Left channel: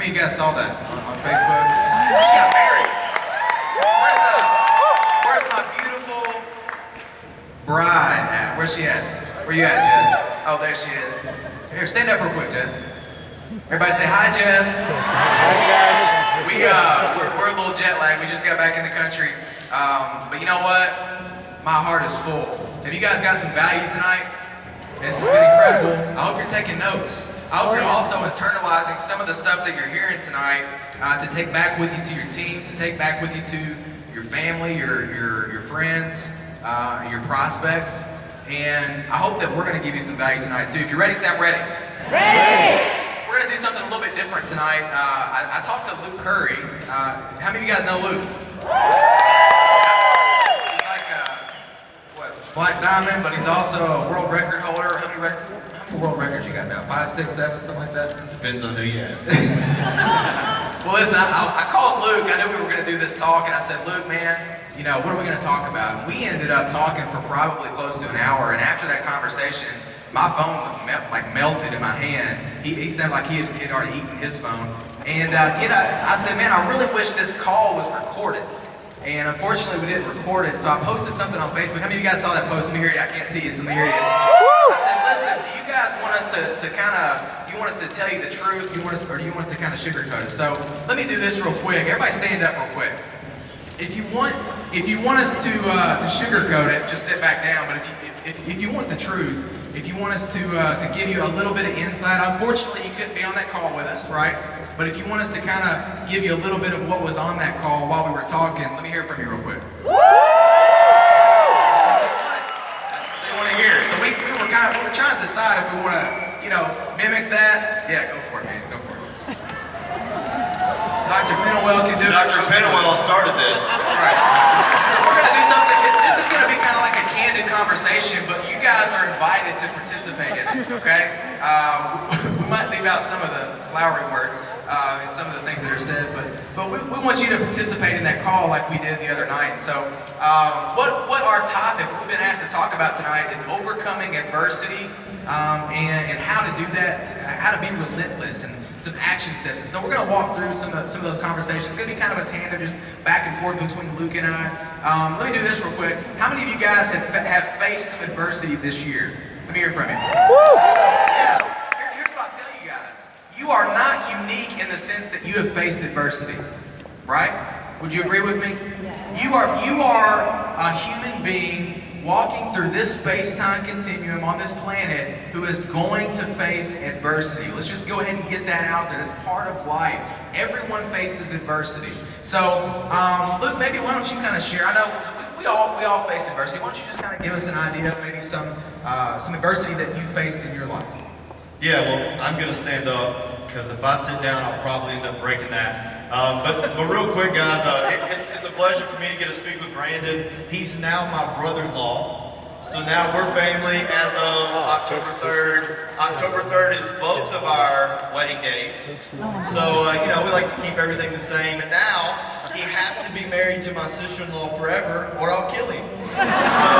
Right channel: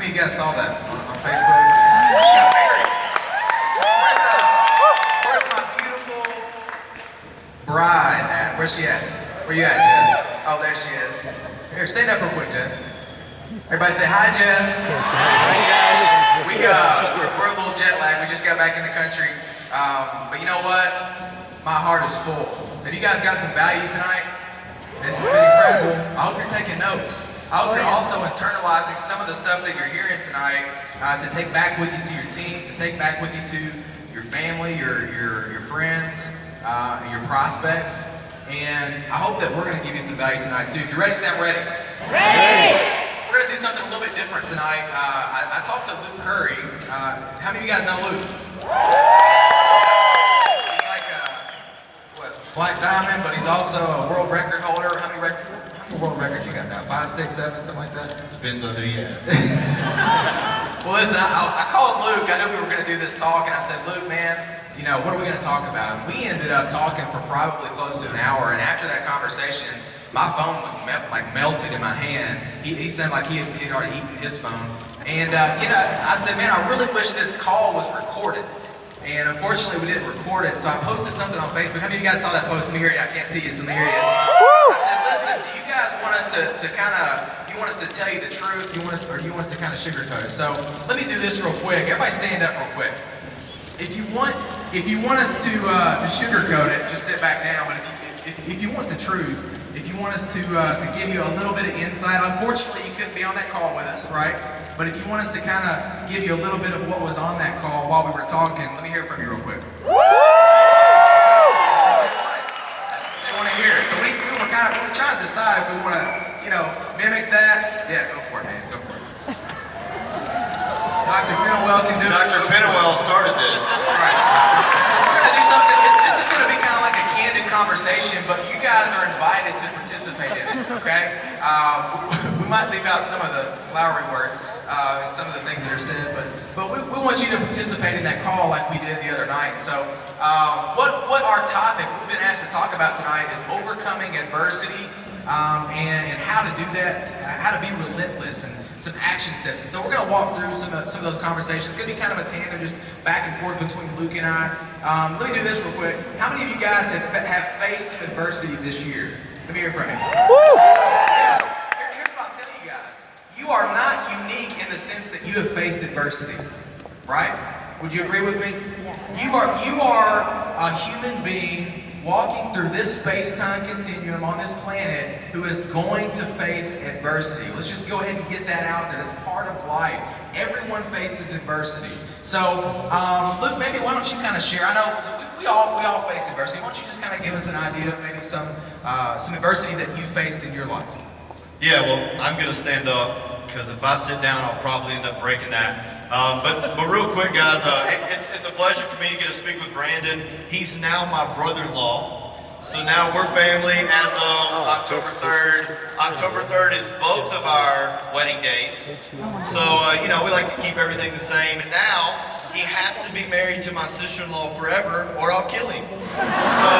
many of you guys saw that on Facebook? She got married. Where's my beautiful bride at? Where's she at? Where you at, Jess? Oh, there she is. Here, stand up real quick, Jess. Everybody say hi, Jess. We're a little jet lagged. We just got back in the country. But you know what? My heart is full. Have you guys got some value tonight? This has been incredible. I hope you're taking notes. I hope you're also internalizing some of the stuff that you're hearing tonight to take back with you to your teams, to take back with you to your family, your friends, your prospects. And I hope that we're going to give you some value tonight too. If you're ready, say I'm ready. Ready! We're going to do something a little bit different tonight. I talked to Luke Curry. How many of you guys know Luke? He's like Black Diamond, but he's also a world record holder. How many world records you got now? 5, 6, 7, something like that? Depends on who you ask. Well, listen, I called Luke. I knew we were going to do this talk, and I said, Luke, man, you know, what are we going to talk about? And we ended up talking for probably close to an hour, and after that conversation, my phone was melted in my hand. He sounded like he had already eaten his phone. And, you know, I said, man, I really wish this call was recorded. And unfortunately, we didn't record it, so I posted something on Facebook. How many of you guys saw that post? Let me hear you. I can't see you, so let me hear you. I said, listen, do you guys want us to kind of, you want us to tell you the truth, or do you want us to kind of sugarcoat it? So let me do this real quick. Everybody stand up real quick. If you want us to sugarcoat it, just sit back down. But if you want the truth, if you want us to give you a little bit of insight, unfortunately you couldn't be on that call with us, right? But if you want us to kind of give you a little bit of what was on that call while we were talking, let me hear from you real quick. They want to hear it. So we were trying to decide if we want to, you know, mimic that. Yeah, go for it, man. Go for it. Dr. Penwell can do it. Dr. Penwell started this. All right. So we're going to do something. This is going to be kind of like a candid conversation, but you guys are invited to participate in it, okay? We might leave out some of the flowery words and some of the things that are said, but we want you to participate in that call like we did the other night. So what our topic we've been asked to talk about tonight is overcoming adversity and how to do that, how to be relentless, and some action steps. And so we're going to walk through some of those conversations. It's going to be kind of a tandem, just back and forth between Luke and I. Let me do this real quick. How many of you guys have faced some adversity this year? Let me hear from you. Yeah. Here's what I'll tell you guys. You are not unique in the sense that you have faced adversity, right? Would you agree with me? You are a human being walking through this space-time continuum on this planet who is going to face adversity. Let's just go ahead and get that out there. That's part of life. Everyone faces adversity. So, Luke, maybe why don't you kind of share? I know we all face adversity. Why don't you just kind of give us an idea of maybe some adversity that you faced in your life? Yeah, well, I'm going to stand up because if I sit down, I'll probably end up breaking that. But real quick, guys, it's a pleasure for me to get to speak with Brandon. He's now my brother-in-law. So now we're family as of October 3rd. October 3rd is both of our wedding days. So, you know, we like to keep everything the same. And now he has to be married to my sister-in-law forever or I'll kill him. So,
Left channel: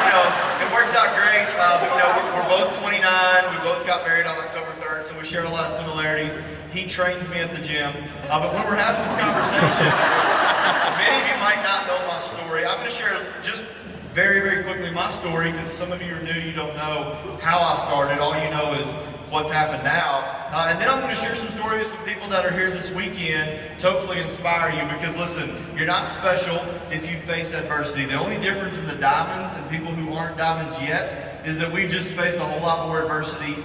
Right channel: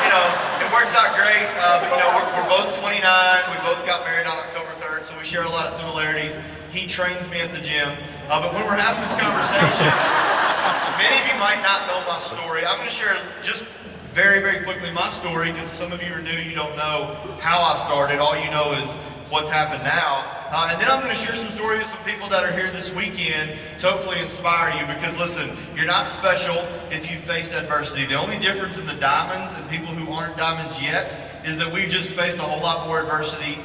you know, it works out great. But, you know, we're both 29. We both got married on October 3rd, so we share a lot of similarities. He trains me at the gym. But when we're having this conversation, many of you might not know my story. I'm going to share just very, very quickly my story because some of you are new, you don't know how I started. All you know is what's happened now. And then I'm going to share some stories with some people that are here this weekend to hopefully inspire you because listen, you're not special if you faced adversity. The only difference in the diamonds and people who aren't diamonds yet is that we've just faced a whole lot more adversity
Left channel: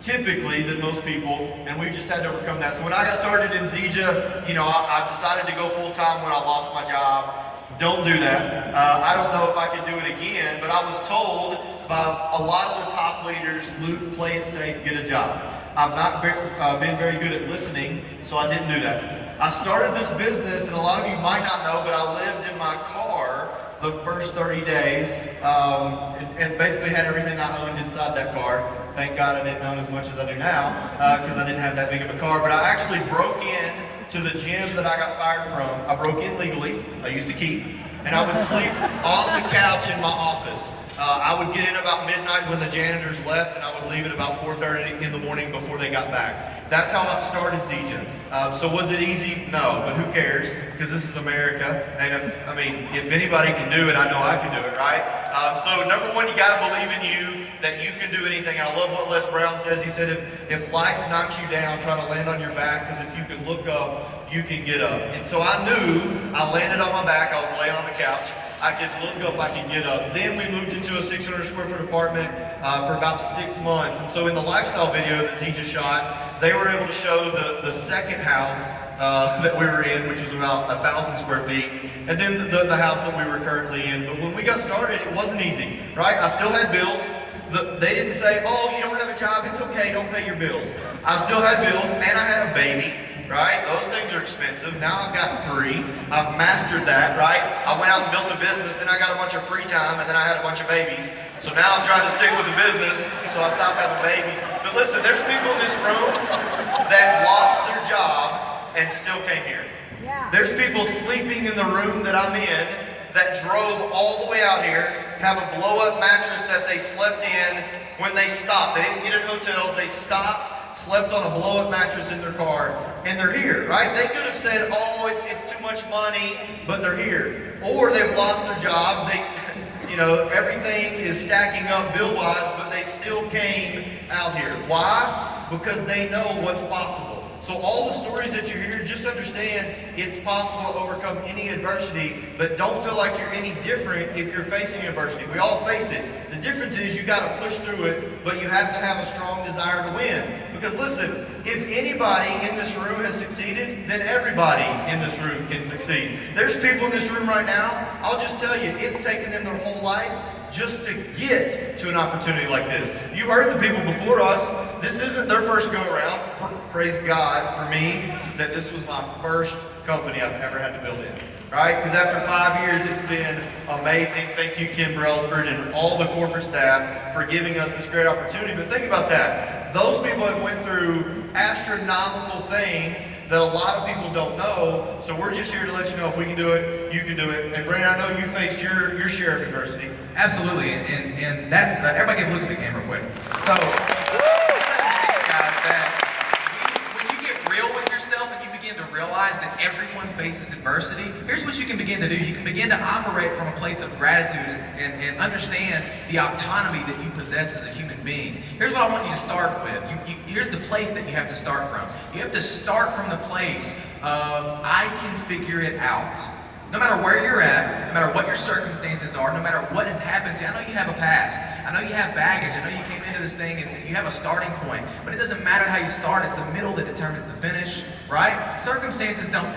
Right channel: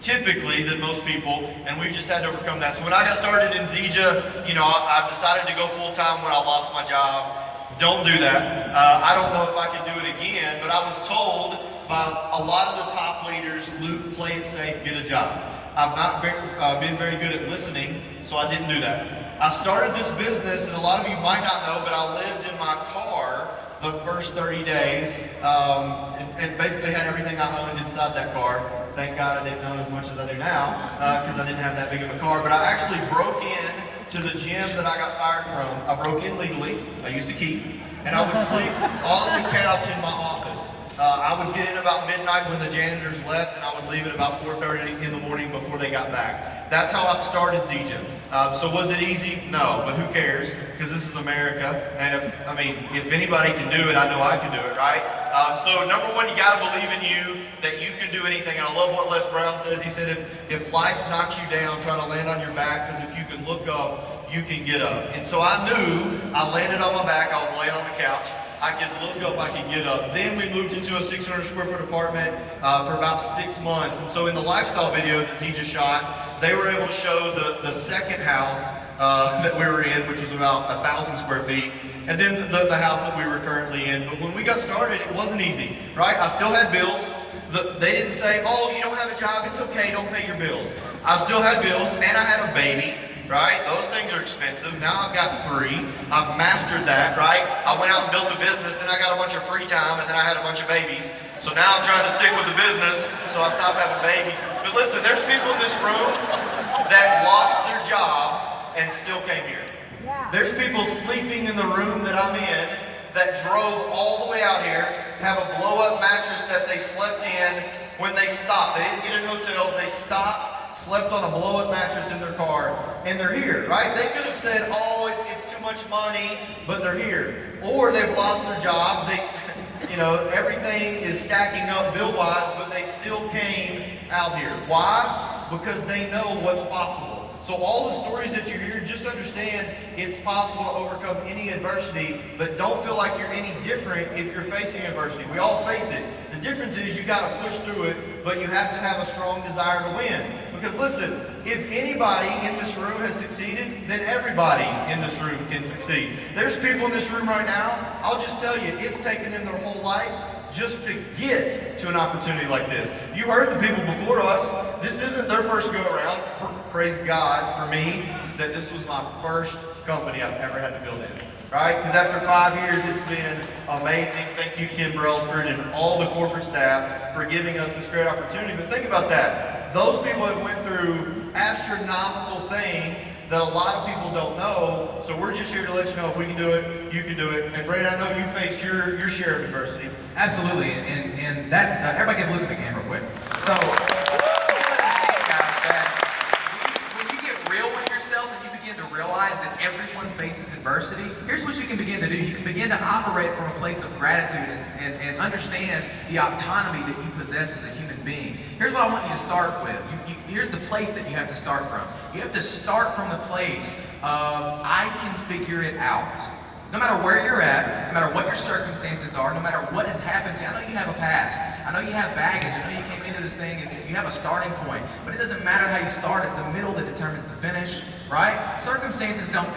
typically than most people, and we've just had to overcome that. So when I got started in Zija, you know, I've decided to go full-time when I lost my job. Don't do that. I don't know if I could do it again, but I was told by a lot of the top leaders, Luke, play it safe, get a job. I've not been very good at listening, so I didn't do that. I started this business, and a lot of you might not know, but I lived in my car the first 30 days and basically had everything I owned inside that car. Thank God I didn't own as much as I do now because I didn't have that big of a car. But I actually broke in to the gym that I got fired from. I broke in legally. I used a key. and I would sleep on the couch in my office. I would get in about midnight when the janitors left, and I would leave at about 4:30 in the morning before they got back. That's how I started Zija. So was it easy? No, but who cares? Because this is America, and if anybody can do it, I know I can do it, right? So number one, you got to believe in you that you can do anything. And I love what Les Brown says. He said, if life knocks you down, try to land on your back, because if you can look up, you can get up. And so I knew I landed on my back. I was laying on the couch. I could look up, I could get up. Then we moved into a 600 square foot apartment for about 6 months. And so in the lifestyle video that Zija shot, they were able to show the second house that we were in, which is about 1,000 square feet, and then the house that we were currently in. But when we got started, it wasn't easy, right? I still had bills. They didn't say, oh, you don't have a job, it's okay, don't pay your bills. I still had bills, and I had a baby. Right? Those things are expensive. Now I've got 3. I've mastered that, right? I went out and built a business, then I got a bunch of free time, and then I had a bunch of babies. So now I'm trying to stick with the business, so I stopped having babies. But listen, there's people in this room that lost their job and still came here. Yeah. There's people sleeping in the room that I'm in that drove all the way out here, have a blow-up mattress that they slept in when they stopped. They didn't get in hotels, they stopped, slept on a blow-up mattress in their car, and they're here, right? They could have said, oh, it's too much money, but they're here. Or they've lost their job. Everything is stacking up bill-wise, but they still came out here. Why? Because they know what's possible. So all the stories that you hear, just understand it's possible to overcome any adversity, but don't feel like you're any different if you're facing adversity. We all face it. The difference is you got to push through it, but you have to have a strong desire to win. Because listen, if anybody in this room has succeeded, then everybody in this room can succeed. There's people in this room right now, I'll just tell you, it's taken them their whole life just to get to an opportunity like this. You heard the people before us. This isn't their first go-around. Praise God for me that this was my first company I've ever had to build in. Right? Because after 5 years, it's been amazing. Thank you, Kim Brailsford, and all the corporate staff for giving us this great opportunity. But think about that. Those people have went through astronomical things that a lot of people don't know. So we're just here to let you know if we can do it, you can do it. And Brandon, I know you faced your share of adversity. Absolutely, and that's everybody can look at the game real quick. So, guys, that when you get real with yourself and you begin to realize that everyone faces adversity, here's what you can begin to do. You can begin to operate from a place of gratitude and understand the autonomy that you possess as a human being. Here's what I want you to start with. Here's the place that you have to start from. You have to start from the place of, I can figure it out. No matter where you're at, no matter what your circumstances are, no matter what has happened to you. I know you have a past. I know you have baggage. I know you came into this thing and you have a starting point. But it doesn't matter how you start. It's the middle that determines the finish, right? Circumstances don't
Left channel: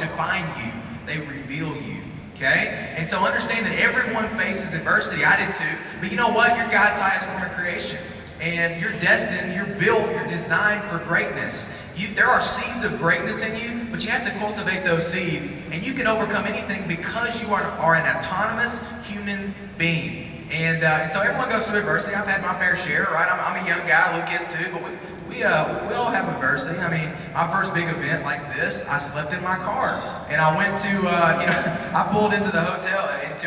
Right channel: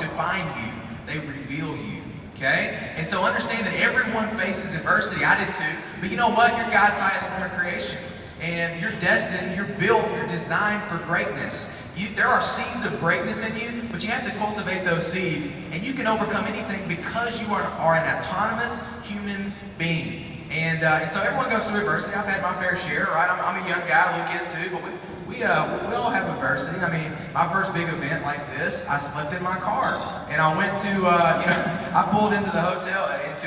define you. They reveal you, okay? And so understand that everyone faces adversity. I did too. But you know what? You're God's highest form of creation. And you're destined, you're built, you're designed for greatness. There are seeds of greatness in you, but you have to cultivate those seeds. And you can overcome anything because you are an autonomous human being. And so everyone goes through adversity. I've had my fair share, right? I'm a young guy, Luke is too, but we all have adversity. I mean, my first big event like this, I slept in my car. And I went to, I pulled into a hotel. It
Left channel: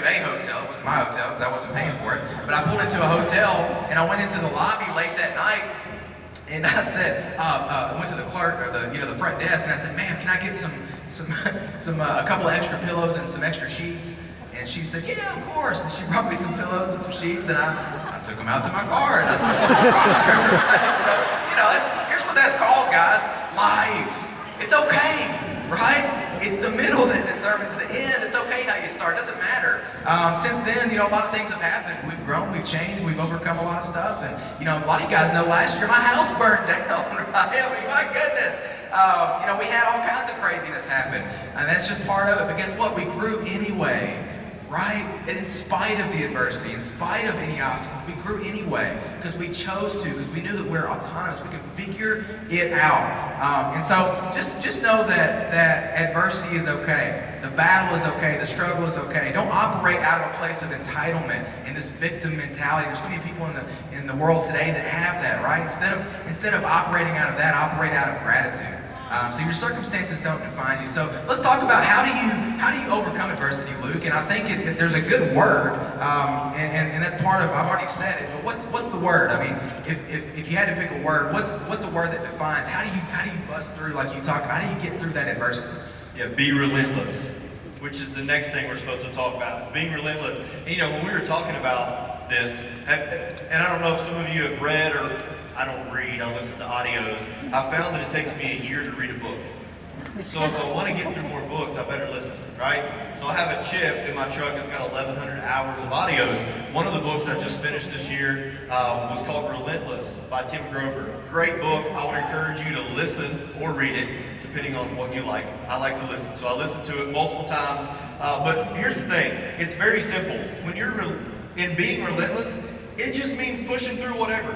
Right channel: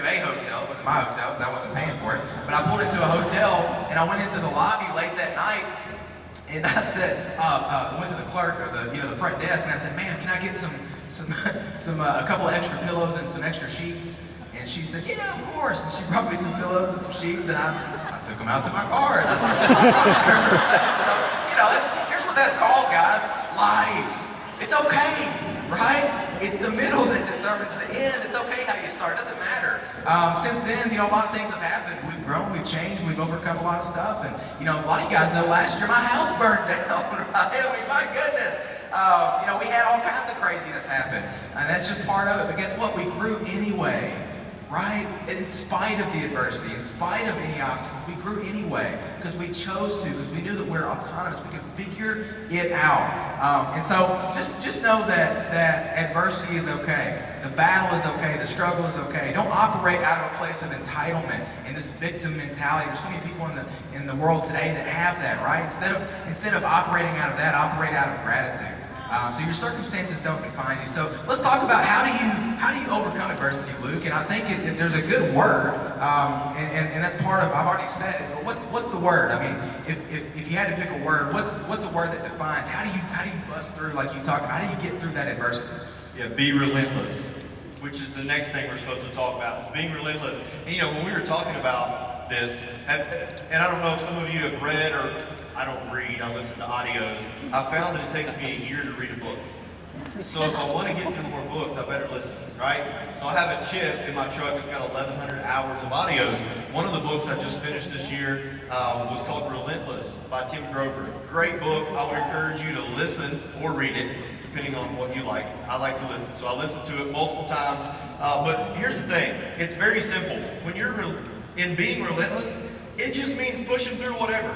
was my hotel because I wasn't paying for it. But I pulled into a hotel and I went into the lobby late that night. And I said, went to the clerk or the front desk, and I said, "Ma'am, can I get a couple of extra pillows and some extra sheets?" And she said, "Yeah, of course." And she brought me some pillows and some sheets, and I took them out to my car and I slept in my car. So here's what that's called, guys: life. It's okay, right? It's the middle that determines the end. It's okay how you start. It doesn't matter. Since then, a lot of things have happened. We've grown, we've changed, we've overcome a lot of stuff. And, a lot of you guys know last year my house burned down, right? I mean, my goodness. We had all kinds of craziness happen. And that's just part of it. But guess what? We grew anyway. Right? In spite of the adversity, in spite of any obstacles, we grew anyway because we chose to, because we knew that we're autonomous. We could figure it out. And so just know that adversity is okay. The battle is okay. The struggle is okay. Don't operate out of a place of entitlement and this victim mentality. There's so many people in the world today that have that, right? Instead of operating out of that, operate out of gratitude. So your circumstances don't define you. So let's talk about how do you overcome adversity, Luke? And I think there's a good word, and that's part of. I've already said it, but what's the word? I mean, if you had to pick a word, what's a word that defines how do you bust through, like you talked about? How do you get through that adversity? Yeah, be relentless, which is the next thing we're supposed to talk about, is being relentless. And you know, when we were talking about this, and I don't know if some of you have read, or I don't read, I listen to audios, I found that it takes me a year to read a book. So if I want to get through more books, I better listen, right? So I have a chip in my truck that's got 1,100 hours of audios. One of the books I just finished this year was called Relentless by Tim Grover. Great book. I would encourage you to listen or read it, depending on what you like. I like to listen, so I listen to it multiple times. But here's the thing, it's very simple. When you're in being relentless, it just means pushing through whatever.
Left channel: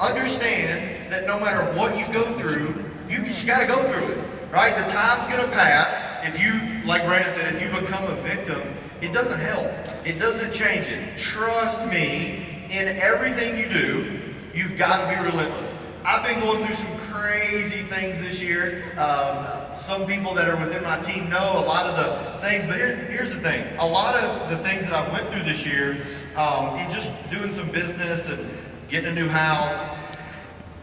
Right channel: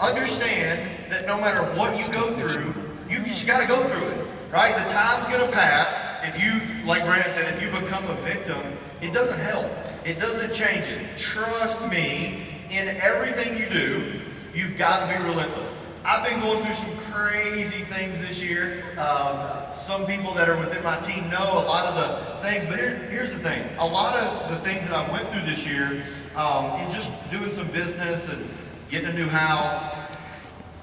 Understand that no matter what you go through, you just got to go through it, right? The time's going to pass. If you, like Brandon said, if you become a victim, it doesn't help. It doesn't change it. Trust me, in everything you do, you've got to be relentless. I've been going through some crazy things this year. Some people that are within my team know a lot of the things, but here's the thing. A lot of the things that I went through this year, in just doing some business and getting a new house,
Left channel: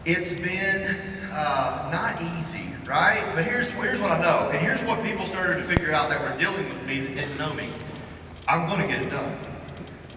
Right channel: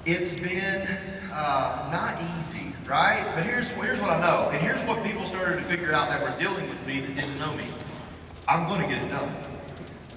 it's been not easy, right? But here's what I know, and here's what people started to figure out that were dealing with me that didn't know me. I'm going to get it done.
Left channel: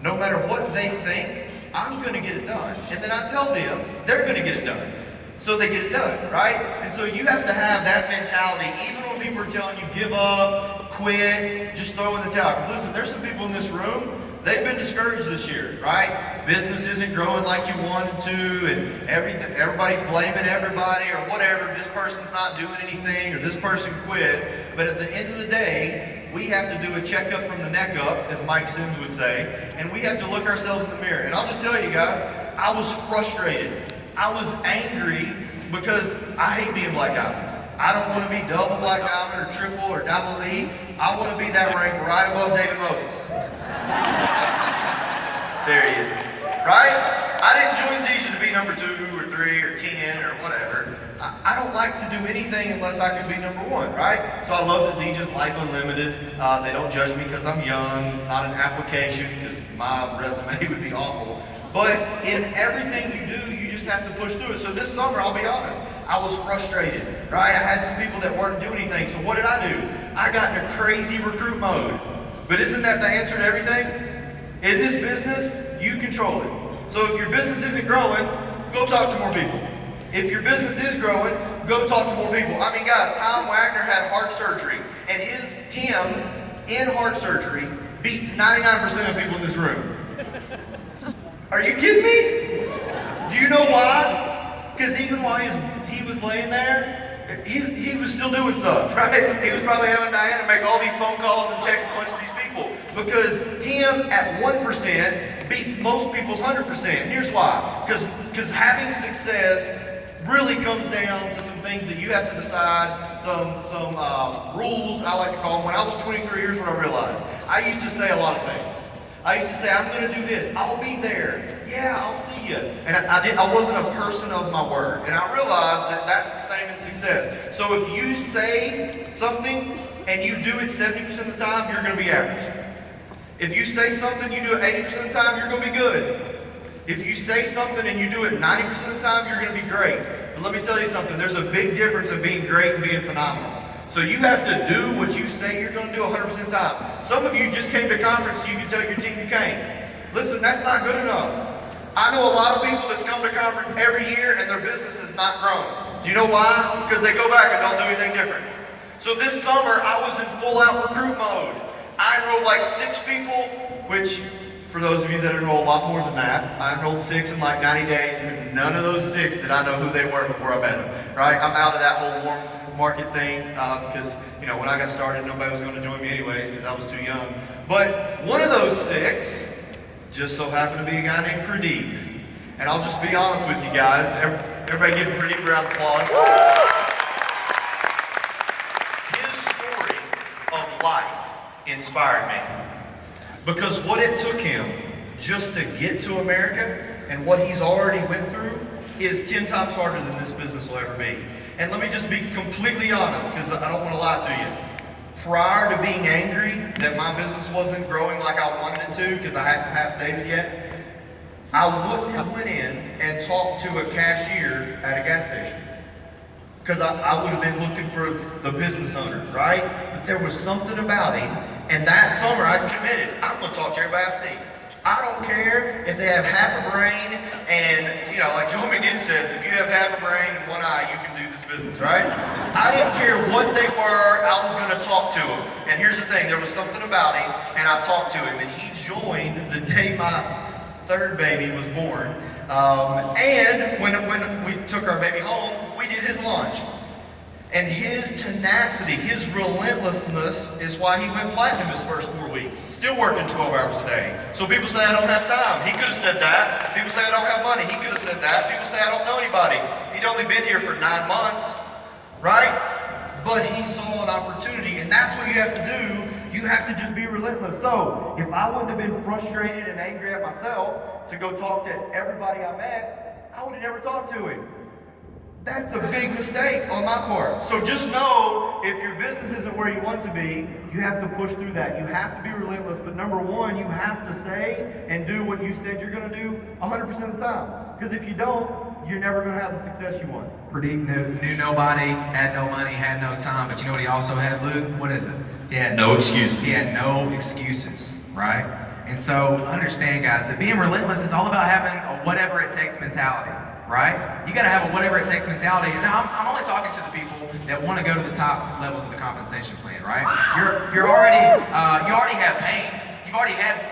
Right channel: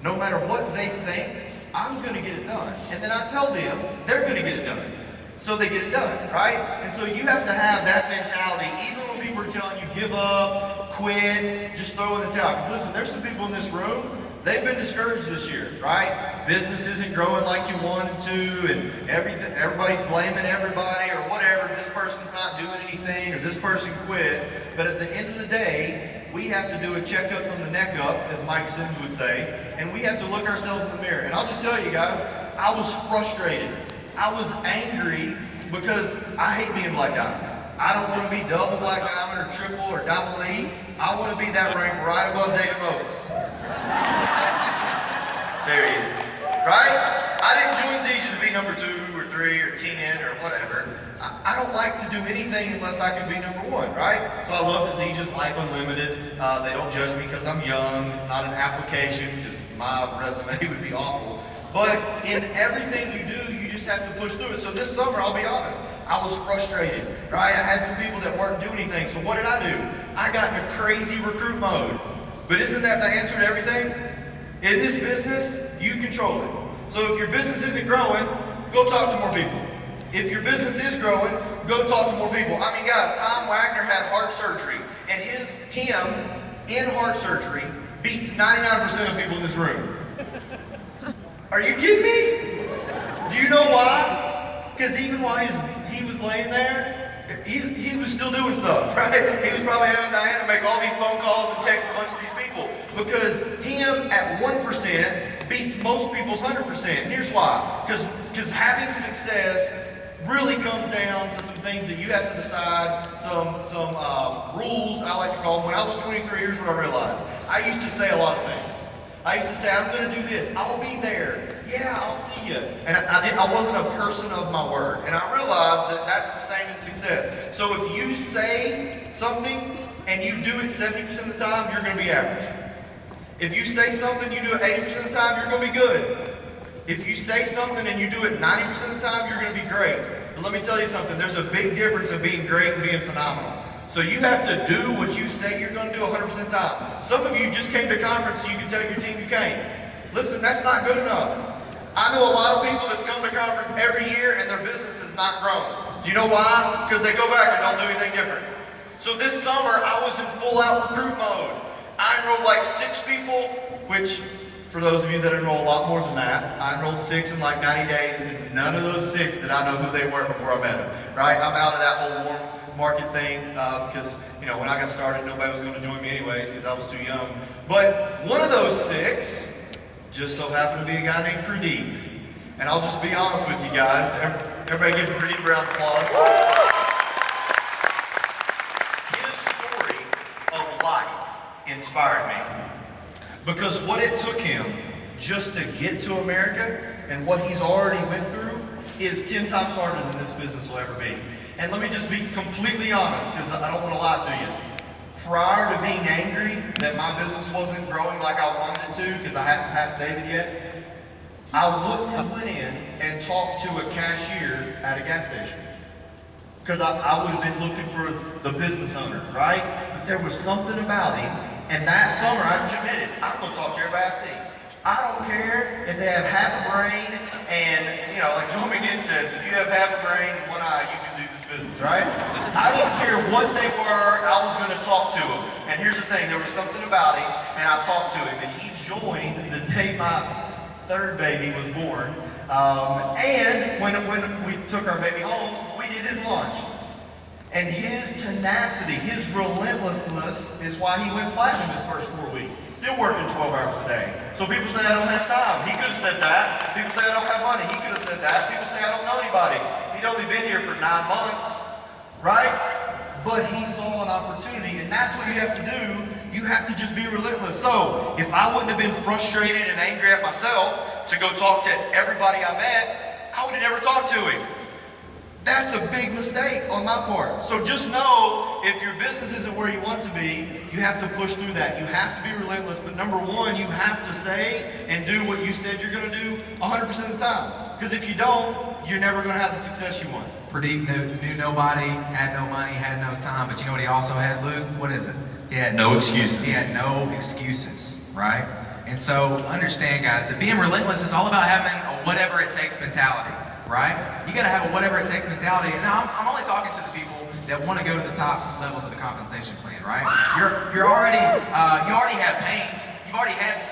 No matter what they think, I'm going to get it done. And then I tell them they're going to get it done. So they get it done, right? And so you have to have that mentality, even when people are telling you give up, quit, just throw in the towel. Because listen, there's some people in this room, they've been discouraged this year, right? Business isn't growing like you wanted to, and everybody's blaming everybody or whatever. This person's not doing anything, or this person quit. But at the end of the day, we have to do a checkup from the neck up, as Mike Sims would say, and we have to look ourselves in the mirror. And I'll just tell you guys, I was frustrated. I was angry because I hate being Black Diamond. I don't want to be double Black Diamond or triple or double E. I want to be that rank right above David Moses. There he is. Right? I didn't join Zija to be number 2 or 3 or 10 or whatever. I don't like to do anything unless I can be number 1, right? So I love that Zija's Life Unlimited. They don't judge me because I'm young. It's not an application because my resume would be awful. But in everything you do, you just have to push through it. So this summer, I'll be honest, I was frustrated, right? I had some people that weren't doing anything. So what did I do? I got into crazy recruit mode. But isn't that the answer to everything? In this business, you control it. So if your business isn't growing, go talk to more people. If your business is growing, go talk to more people. I mean, guys, Tom Wagner had heart surgery, and him in heart surgery beats 99% of people in this room. Are you kidding me? Do you know why? Because even while he was laying there, he was still doing stuff, right? He was probably having Diana make all these phone calls and text a bunch of these people, because him at 1% beats most people's 100%. And here's why. Because having success really comes down to some things that you have to decide, some rules, I like to call them. When I was 23, here's what I realized. I used to say a lot of things. I used to say, I'm going to do this. I'll be there. Yeah, I'll see you. And I wasn't a person of my word. And I realized that that's the same in success. So if you say something and you do it 70% of the time, you're going to be average. If you say something, you do it 80% of the time, you're going to be good. If you say something and you do it 90% of the time, you're going to be great. But let me tell you something. There's a big difference in being great and being phenomenal. So you have to do what you say you're going to do 100% of the time. Some of you just came to conference so you can tell your team you came. Listen, that's not good enough. I know a lot of people that's come to conference every year and their business has not grown. Do you know why? Because they go back and don't do anything different. So this summer, I was in full-out recruit mode. I enrolled like 6 people, which, for those of you that enroll a lot more than that, I enrolled 6 in like 90 days, and none of those 6 did I know who they were before I met them, right? I'm out of that whole warm market thing because, you know, when I got started, nobody was going to join me anyways because I was too young. But one of those 6 just so happened to be a guy named Pradeep. And I'll just be honest with you guys. Everybody give Pradeep a round of applause. His story of life inspired me. Because what it took him just to get to America and what he's already went through is 10 times harder than this business will ever be. And let me just be completely honest, because I don't want to lie to you. Prior to being angry that my business wasn't growing like I wanted it to, because I hadn't passed David yet, I wouldn't have went in and talked to a cashier at a gas station. Because I would have been looking for the business owner, right? But there was something about him, and that summer I committed, I'm going to talk to everybody I see. I don't care if they have half a brain, and, you know, like Joe Median says, if you have half a brain and one eye, you can do this business, right? I didn't care what they were, I was going to talk to them. And here's the thing, there was something about him, and I talked to him, and he joined the day my third baby was born. And when we took our baby home, we did his lunch. And his tenacity, his relentlessness is why he went platinum his first 4 weeks. Still working 12 hours a day. So people say I don't have time. He could have said that. People say I don't have money. He could have said that. People say I don't know anybody. He'd only been here for 9 months, right? But he saw an opportunity, and that's what you have to do. You have to just be relentless. So if I wouldn't have been frustrated and angry at myself to go talk to everybody I met, I would have never talked to him. That's a big mistake on my part. So just know, if your business isn't where you want to be, you have to push through that. You have to be relentless. But number one, you have to say and do what you said you're going to do 100% of the time. Because if you don't, you're never going to have the success you want. Pradeep knew nobody, had no money, had no time. But you know what he also had, Luke? What is it? He had No excuses. He had no excuses, right? And so understand, guys, that being relentless is all about having a whatever it takes mentality. Right? You got to have a whatever it takes mentality. Now, I'm only talking to the people that want to go to the top levels of the compensation plan, right? You already have pain. You've already had,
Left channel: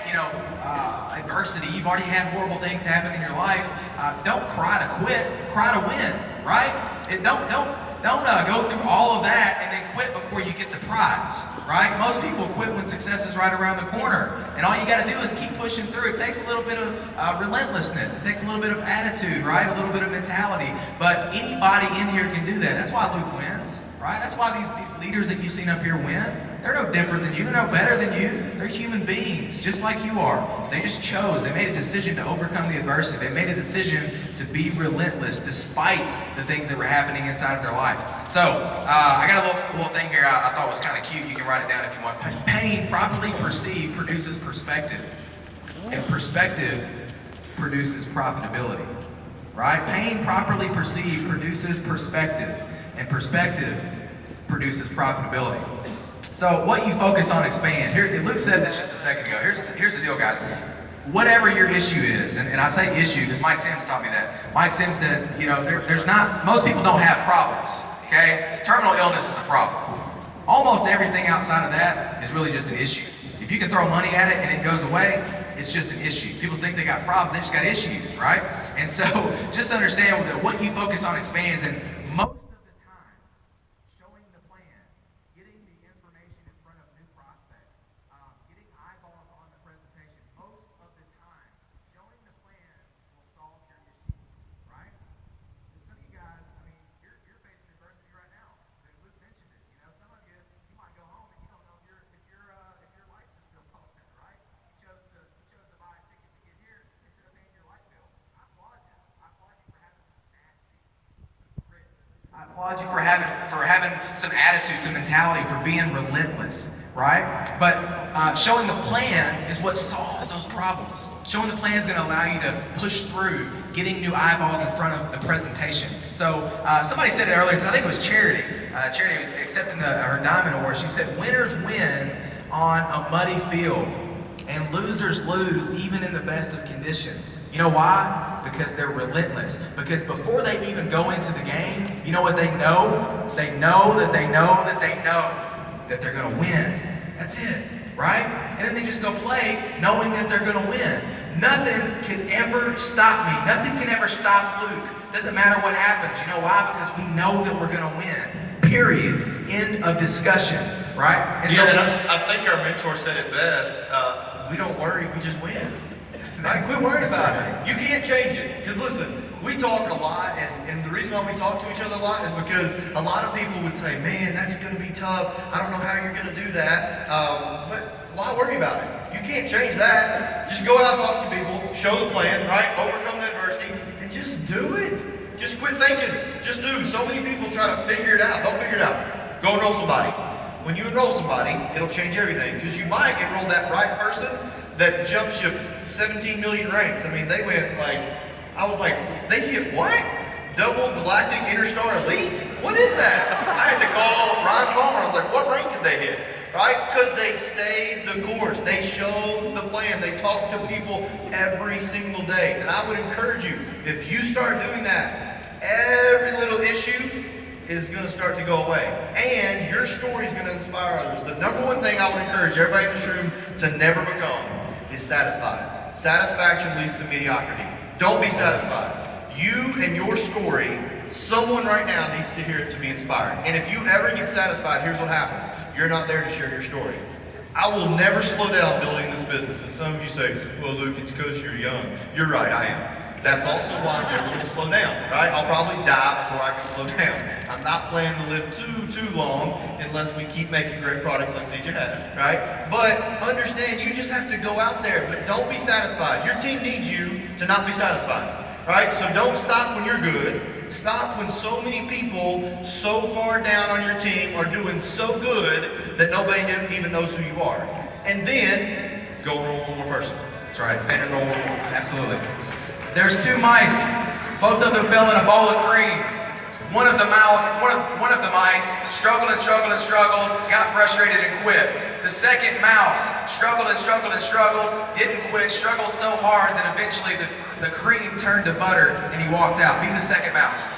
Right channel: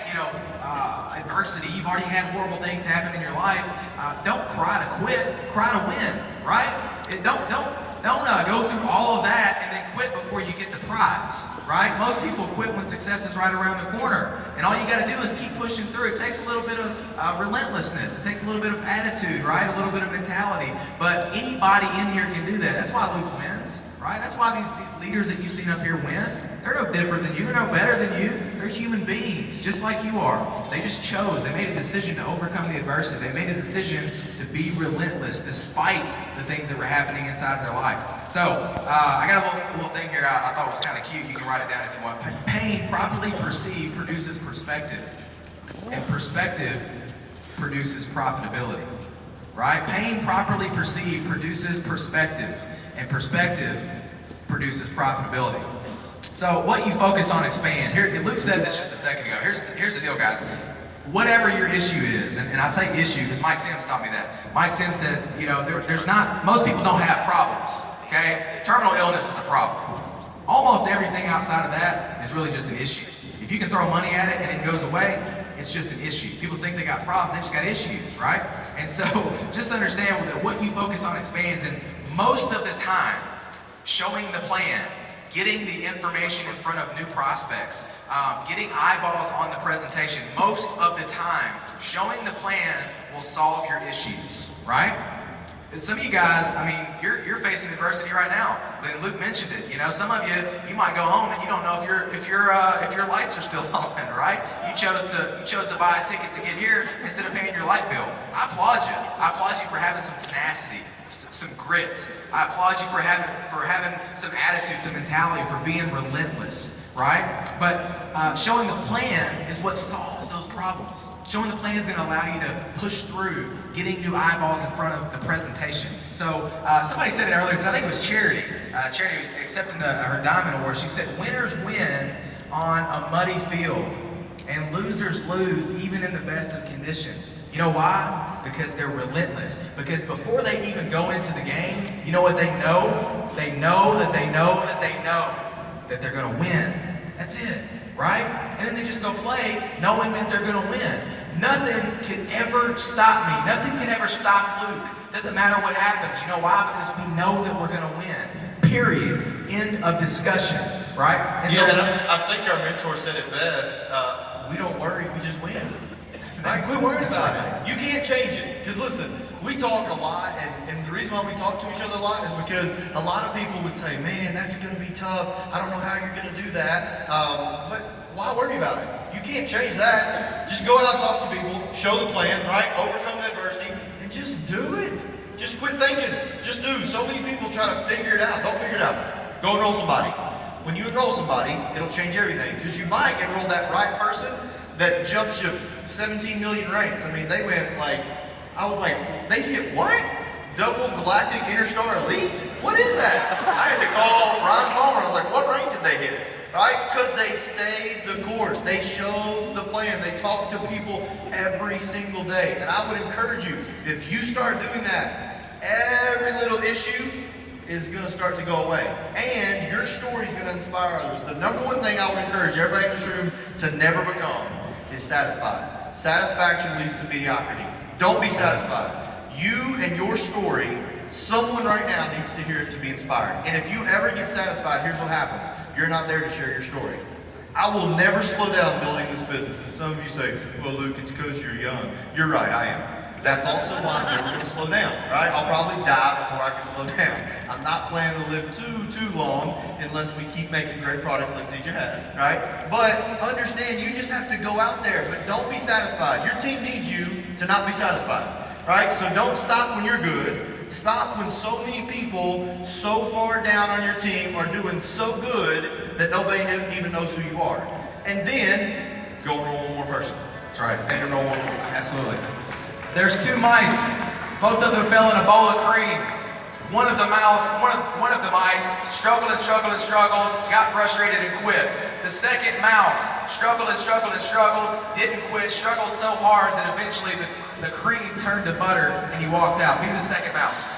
adversity. You've already had horrible things happen in your life. Don't cry to quit. Cry to win, right? Don't go through all of that and then quit before you get the prize, right? Most people quit when success is right around the corner. And all you got to do is keep pushing through. It takes a little bit of relentlessness. It takes a little bit of attitude, right? A little bit of mentality. But anybody in here can do that. That's why Luke wins, right? That's why these leaders that you've seen up here win. They're no different than you. They're no better than you. They're human beings, just like you are. They just chose. They made a decision to overcome the adversity. They made a decision to be relentless despite the things that were happening inside of their life. So, I got a little thing here I thought was kind of cute. You can write it down if you want. Pain properly perceived produces perspective. And perspective produces profitability. Right? Pain properly perceived produces perspective. And perspective produces profitability. So what you focus on expand. Here, Luke said this just a second ago. Here's the deal, guys. Whatever your issue is, and I say issue because Mike Sims taught me that. Mike Sims said, there's not, most people don't have problems, okay? Terminal illness is a problem. Almost everything outside of that is really just an issue. If you can throw money at it and it goes away, it's just an issue. People think they got problems, they just got issues, right? And so just understand that what you focus on expands, and most of the time, showing the plan, getting the information in front of new prospects, getting eyeballs on the presentation, most of the time, showing the plan will solve your issues, right? And some of you guys, you're facing adversity right now. And Luke mentioned it. Some of you might go home and you don't know if your lights are still on, right? You chose to buy a ticket to get here instead of paying your light bill. I applaud you. I applaud you for having some tenacity, some grit. I applaud you for having some attitude, some mentality, for being relentless, right? But showing the plan is what solves those problems. Showing the plan is going to allow you to push through getting new eyeballs in front of the presentation. So somebody said it earlier, because I think it was Charity. Charity accepting her Diamond Award. She said, winners win on a muddy field, and losers lose even in the best of conditions. You know why? Because they're relentless. Because before they even go into the game, you know what they know? They know that they know that they know that they're going to win. That's it, right? And then they just go play knowing that they're going to win. Nothing can ever stop me. Nothing can ever stop Luke. Doesn't matter what happens. You know why? Because we know that we're going to win. Period. End of discussion, right? And I think our mentor said it best. We don't worry, we just win. Like, quit worrying about it. You can't change it. Because listen, we talk a lot, and the reason why we talk to each other a lot is because a lot of people would say, man, that's going to be tough. I don't know how you're going to do that. But why worry about it? You can't change that. Just go out and talk to people, show the plan, right? Overcome the adversity, and just do it. Just quit thinking. Just do. So many people try to figure it out. Don't figure it out. Go enroll somebody. When you enroll somebody, it'll change everything. Because you might enroll that right person that jumps you 17 million ranks. I mean, they went like, I was like, they hit what? Double Galactic Interstar Elite? What is that? I had to call Ryan Palmer. I was like, what rank did they hit? Right? Because they stayed the course. They showed the plan. They talked to people every single day. And I would encourage you, if you start doing that, every little issue is going to start to go away. And your story is going to inspire others. The number one thing I would encourage everybody in this room to never become is satisfied. Satisfaction leads to mediocrity. Don't be satisfied. You and your story, someone right now needs to hear it to be inspired. And if you ever get satisfied, here's what happens. You're not there to share your story. I will never slow down building this business. And some of you say, well, Luke, it's because you're young. You're right, I am. That's also why I'm never going to slow down, right? I'll probably die before I can slow down. I'm not planning to live too long unless we keep making great products like Zija has, right? But understand, you just have to go out there, but don't be satisfied. Your team needs you to not be satisfied, right? So don't stop when you're good. Stop when so many people so far down on your team are doing so good that nobody even knows who you are. And then go enroll one more person. That's right. And enroll one more. Absolutely. There's two mice. Both of them fell in a bowl of cream. One of the mice struggled, got frustrated and quit. The second mouse struggled, didn't quit, struggled so hard that eventually the cream turned to butter and he walked out. Be the second mouse.